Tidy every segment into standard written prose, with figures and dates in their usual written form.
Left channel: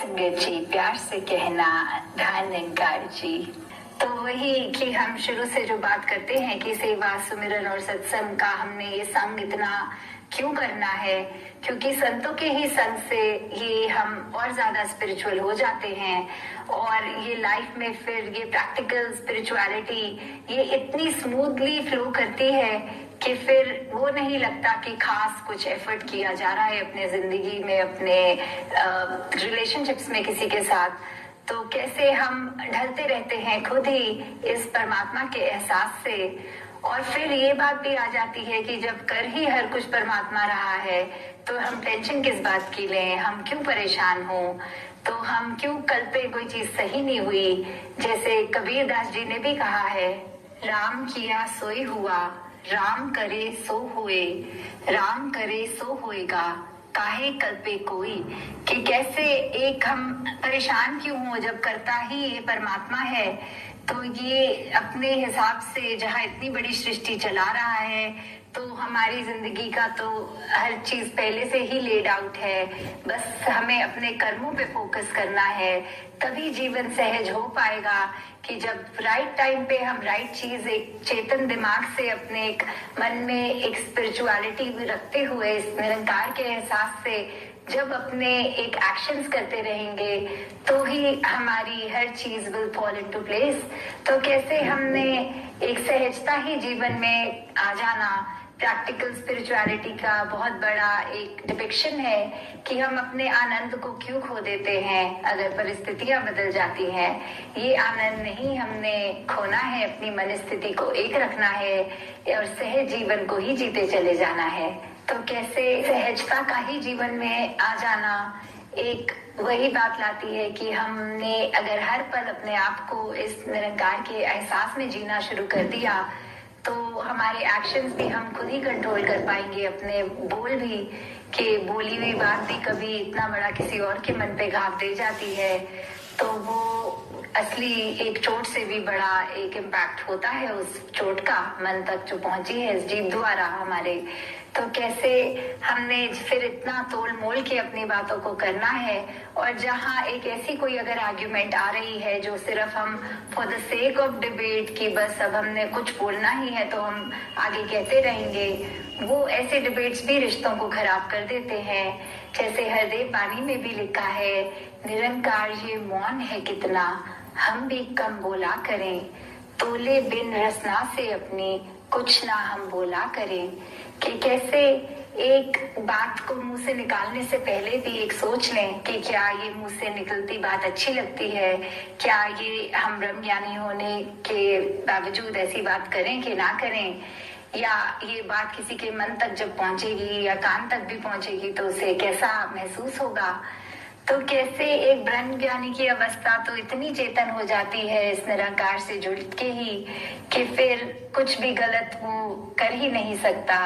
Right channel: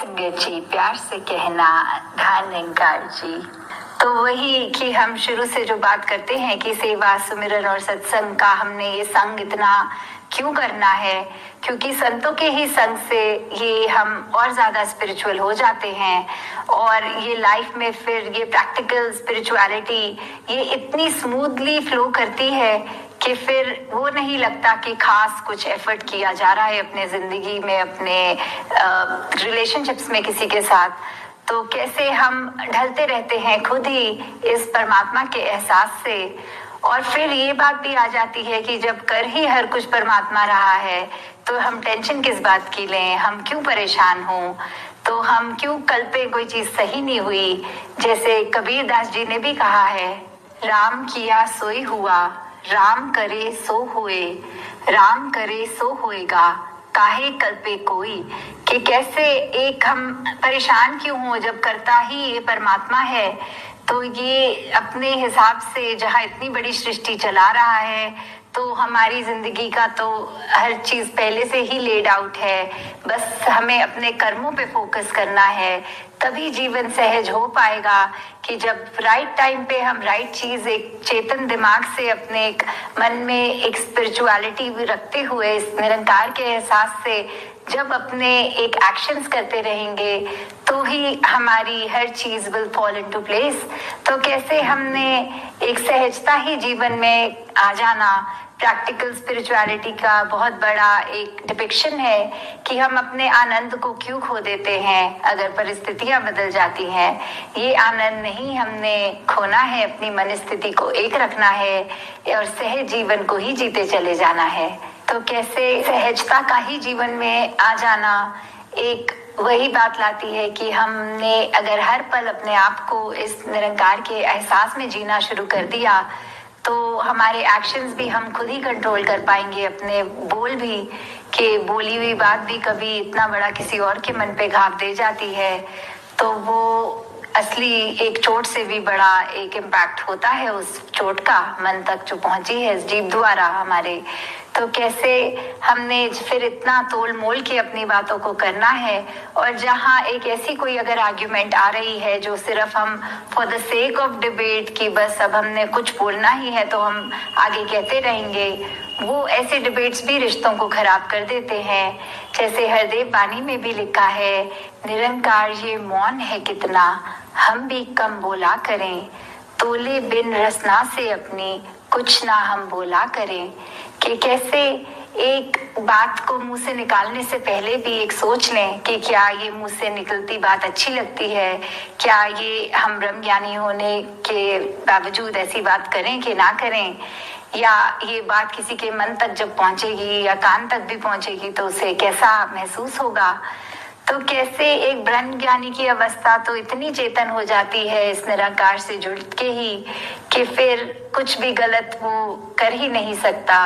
जी प्यार से कहना धन्यकार जी। तो वही कि हम शुरू से जो बात करते हैं कि सेवा सुमिरन और सत्संग का हमने ये संग इतना क्यों करना है, क्योंकि संतों के ही संग से ये हम और ज्यादा स्पिरिचुअल हो जाते हैं और ये लाइफ में फिर ये प्रैक्टिकल स्पिरिचुअलिटी ये इतनी स्मूथली फ्लो करती है कि फिर वो नहीं लगता कि खास कुछ एफर्ट किया जा रहा है अपने जिंदगी में, अपने रिलेशनशिप्स में किसी के साथ। तो कैसे हम ढलते रहते हैं खुद ही इस परमात्मा के एहसास से। और फिर ये बात भी आ जाती है कि जब कर ही हर कुछ परमात्मा रहा है तो हम टेंशन किस बात की लें, हम क्यों परेशान हों, तो हम क्यों कल पे कोई चीज सही नहीं हुई। जैसे कबीर दास जी ने भी कहा है, राम किया सोई हुआ, राम करे सो हुए, राम करे सो होएगा, काहे कल पे कोई। कि कैसे एक हम परेशान क्यों हो जब करता ही ये परमात्मा है। तो ये अपने हिसाब से जहाँ इतनी बड़ी सृष्टि चला रहा है तो हमारी जिंदगी का तो हर चीज पहले से ही लेड आउट है, बस हमें अपने कर्मों पे फोकस करना है, तभी जीवन सहज हो पाएगा। कि जब राइट टाइम पे हम राइट चीज एक चेतन दिमाग से अपने एक मन में एक स्पिरिचुअलिटी रखते हुए इस निरंकार के एहसास से जब अपने एक एक्शंस करते रहेंगे तो ही हमारी हर चीज विल फॉल इनटू प्लेस। तो कैसे हमने एक सहजता ही जीवन में आ जाना प्रैक्टिकल स्पिरिचुअलिटी का बहुत बड़ा एक डिपिक्शन है कि हम अपने आनंद को क्यों खो देते हैं अगर परिस्थितियां बदल जाती हैं। ये आनंद नहीं हमने खोना है, अपनी मन स्थिति को एक रखना है और सहज जीवन को ही जीते चले जाना है। तो कैसे सहजता का ही जीवन में आ जाना एक वही बात लाती है कि हमने अगर हर पल अपने आप को इस निरंकार के एहसास में जीना शुरू कर दिया तो हमारे एक्शंस भी हम खुद ही कंट्रोल कर पाएंगे, अपने बोल भी, कि बोली हुई बात भी कभी इतना बड़ा किसी और के मन पे घाव दे जाती है तो वो असली एक चोट से भी बड़ा एक इम्पैक्ट होता है उस चोट का मन तक जो पहुंची है इस जीव द्वारा हमारे। तो कैसे हमने फिर इतना तोल मोल के अपनी बातों को करना है और जहाँ एक ऐसी कोई अगर आर्ग्यूमेंट आ रही है जो सिर्फ हम for the sake of debate की बस अब हमने कुछ बोलना ही है तो हम आगे कहते रहेंगे, वो ऐसे डिबेट्स भी रिश्तों को खराब कर देते हैं। जैसे हरदेव बानी में भी लिखा है, निरंकार ये मौन है कितना, हम भी कम बोला करें, तोले बिन रसना से अपनी कुछ ना हम बोला करें। कि कैसे एक बात को मुंह से निकालने से पहले भी एक सोच लें कि क्या ये मुंह से निकलती बात अच्छी लगती है, क्या ये हम ब्रह्म ज्ञानी होने के बावजूद ऐसी बात करें कि ना करें, या ये बात किसी के मन तक जब पहुंचेगी या कान तक भी पहुंचेगी तो उसे कैसा महसूस होगा। तो कैसे एक ब्रह्म ज्ञानी की अवस्था तो इतनी चेतन हो जाती है इस निराकार से जुड़ के ही कि फिर कुछ भी गलत वो कर ही नहीं सकता।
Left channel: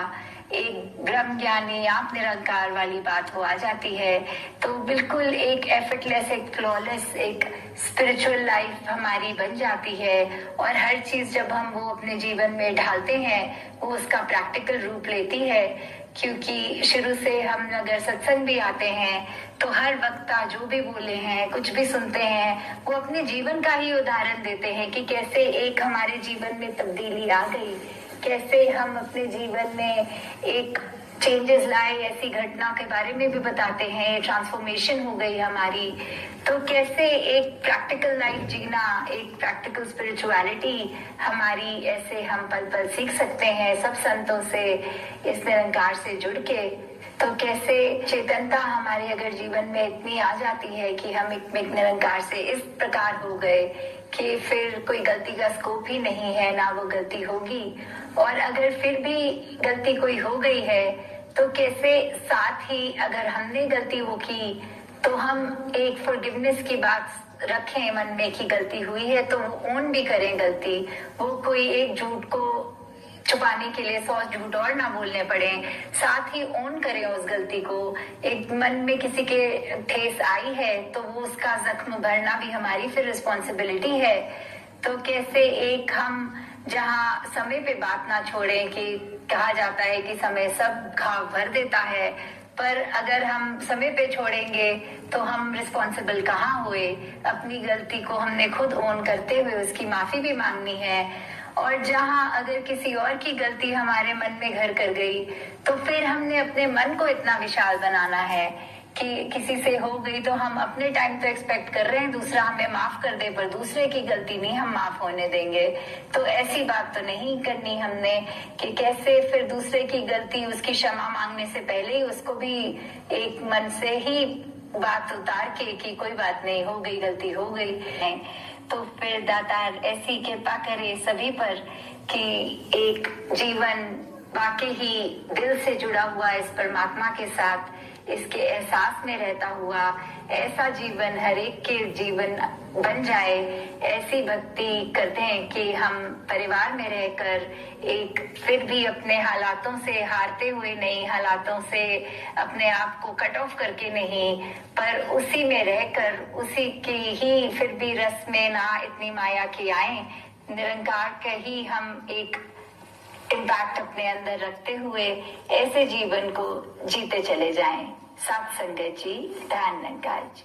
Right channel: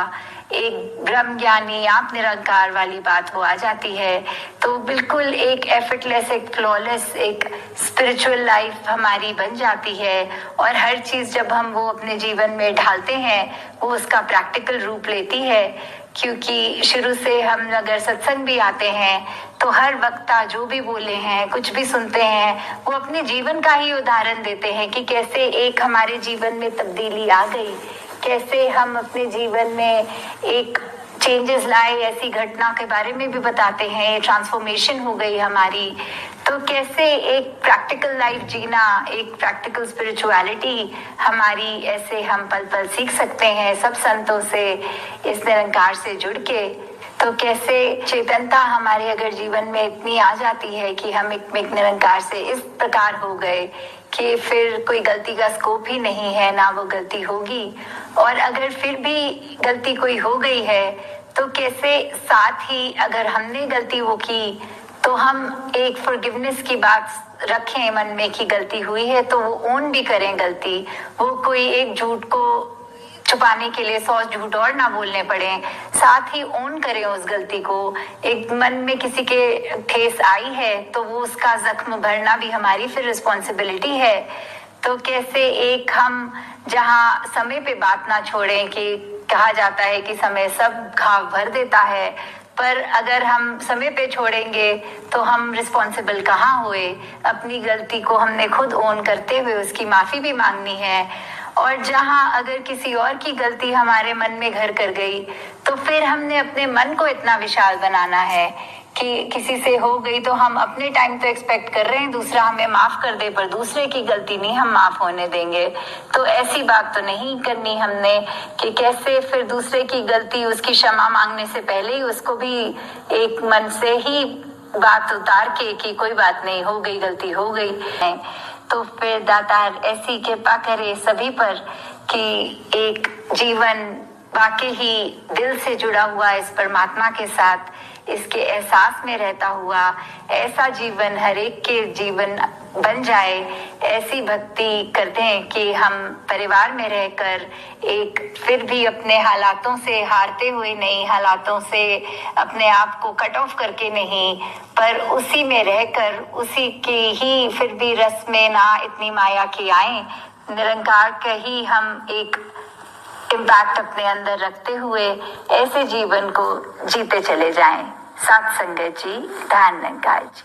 एक ब्रह्म ज्ञानी आप निरंकार वाली बात वो आ जाती है तो बिल्कुल एक एफर्टलेस, एक फ्लॉलेस, एक स्पिरिचुअल लाइफ हमारी बन जाती है। और हर चीज जब हम वो अपने जीवन में ढालते हैं वो उसका प्रैक्टिकल रूप लेती है। क्योंकि शुरू से हम अगर सत्संग भी आते हैं तो हर वक्ता जो भी बोले हैं, कुछ भी सुनते हैं, वो अपने जीवन का ही उदाहरण देते हैं कि कैसे एक हमारे जीवन में तब्दीली आ गई, कैसे हम अपने जीवन में एक चेंजेस लाए, ऐसी घटना के बारे में भी बताते हैं, ट्रांसफॉर्मेशन हो गई हमारी। तो कैसे एक प्रैक्टिकल लाइफ जीना, एक प्रैक्टिकल स्पिरिचुअलिटी हमारी ऐसे हम पल पल सीख सकते हैं सब संतों से, इस निरंकार से जुड़ के। तो कैसे चेतनता हमारे अगर जीवन में इतनी आ जाती है कि हम एक निरंकार से इस प्रकार हो गए कि फिर कोई गलती का स्कोप ही नहीं है, ना वो गलती होगी। और अगर फिर भी गलती कोई हो गई है तो कैसे साथ ही अगर हमने गलती वो की तो हम एक फॉरगिवनेस की बात रखें मन में कि गलती हुई है तो वो ओन भी करें गलती। वो कोई एक झूठ को छुपाने के लिए 100 झूठ और ना बोलने पड़े, साथ ही ओन करें उस गलती को। एक मन में किसी के ठेस आई है तो वो उसका जख्म भरना भी हमारी फिर रिस्पॉन्सिबिलिटी है। तो कैसे एक हम जहाँ समय पे बात ना छोड़ें कि कहा जाता है कि समय सब घाव भर देता है, पर अगर हम समय पे छोड़ेंगे तो हम रिस्पॉन्सिबल कहाँ हुए। अपनी गलती को हमने खुद ओन करते हुए उसकी माफी भी मांगनी है। और जहां अगर किसी और की गलती हमारे मन में घर कर गई तो फिर हमने अपने मन को इतना विशाल बनाना है कि किसी से हो गई तो हम अपने टाइम तो एक्सपेक्ट कर रहे हैं दूसरा हमें माफ कर दे, पर दूसरे की गलती नहीं हम माफ होने देंगे। तो ऐसी बात तो नहीं करनी हमने कि कैसे फिर दूसरे की गलती उसकी क्षमा मांगने से पहले ही उसको भी एक मन से ही बात उतार के कि कोई बात नहीं, हो गई गलती हो गई है। तो फिर दातार ऐसी कृपा करे सभी पर कि एक जीवन वाकई ही दिल से जुड़ा हुआ इस परमात्मा के साथ, इसके एहसास में रहता हुआ ऐसा जीवन हर एक के जीवन बन जाए। ऐसी भक्ति करते हैं कि हम परिवार में रहकर एक फिर भी अपने हालातों से हारते हुए नहीं, हालातों से अपने आप को कट ऑफ करके नहीं, पर उसी में रहकर उसी की ही फिर भी रस में ना इतनी माया की आए, निरंकार का ही हम एक इम्पैक्ट अपने अंदर रखते हुए ऐसे जीवन को जीते चले जाएं। सत्संगत जी, धन निरंकार जी।